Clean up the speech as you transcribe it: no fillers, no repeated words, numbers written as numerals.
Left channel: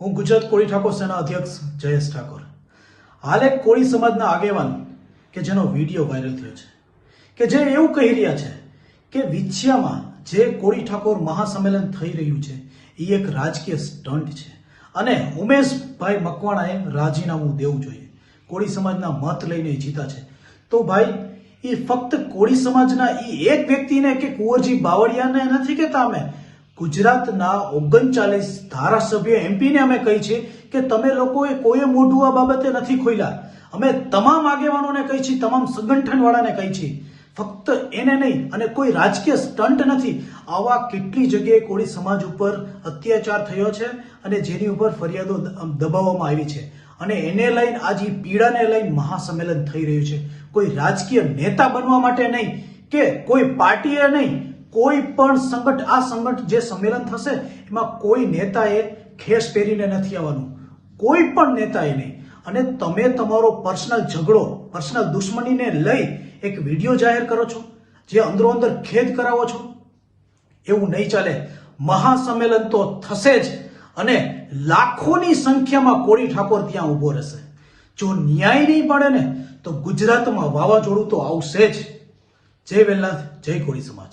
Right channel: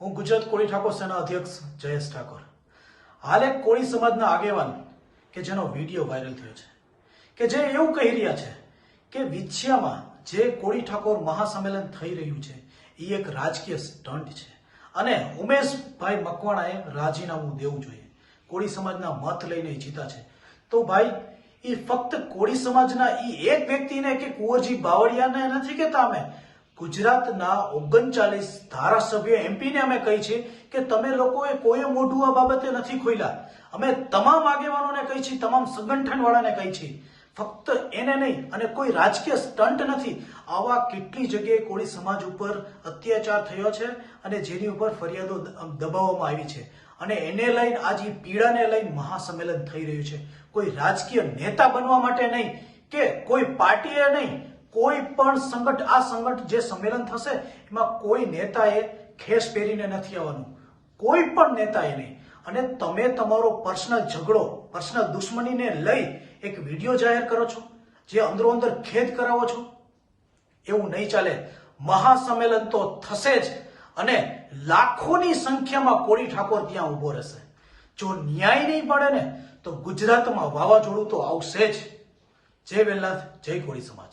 હું ગુજરાત કોળી ઠાકોર સેના અધ્યક્ષ જયેશ ઠાકોર. હાલ એક કોળી સમાજના આગેવાન કે જેનો વિડીયો વાયરલ થયો છે કે જે એવું કહી રહ્યા છે કે વિછિયામાં જે કોળી ઠાકોર મહાસંમેલન થઈ રહ્યું છે એ એક રાજકીય સ્ટન્ટ છે અને ઉમેશભાઈ મકવાણાએ રાજીનામું દેવું જોઈએ. કોળી સમાજના મત લઈને જીતા છે તો ભાઈ એ ફક્ત કોળી સમાજના એ એક વ્યક્તિને કે કુંવરજી બાવળિયાને નથી કહેતા. અમે ગુજરાતના 39 ધારાસભ્ય એમપીને અમે કહી છે કે તમે લોકોએ કોઈ મોઢું આ બાબતે નથી ખોલ્યા. અમે તમામ આગેવાનોને કહી છે, તમામ સંગઠન વાળાને કહી છે, ફક્ત એને નહીં. અને કોઈ રાજકીય સ્ટન્ટ નથી. આવા કેટલી જગ્યાએ કોળી સમાજ ઉપર અત્યાચાર થયો છે અને જેની ઉપર ફરિયાદો દબાવવામાં આવી છે અને એને લઈને આજે પીડાને લઈને મહાસંમેલન થઈ રહ્યું છે. કોઈ રાજકીય નેતા બનવા માટે નહીં કે કોઈ પાર્ટીએ નહીં, કોઈ પણ આ સંગઠન જે સંમેલન થશે એમાં કોઈ નેતાએ ખેસ પહેરીને નથી આવવાનું, કોઈ પણ નેતાએ નહીં. અને તમે તમારો પર્સનલ ઝઘડો, પર્સનલ દુશ્મનીને લઈ એક વિડીયો જાહેર કરો છો, જે અંદરો અંદર ખેદ કરાવો છો, એવું નહીં ચાલે. મહાસંમેલન તો થશે જ અને લાખોની સંખ્યામાં કોળી ઠાકોર ત્યાં ઉભો રહેશે. જો ન્યાય નહીં મળે ને તો ગુજરાતમાં વાવાઝોડું તો આવશે જ. જય વેલનાથ, જય કોળી સમાજ.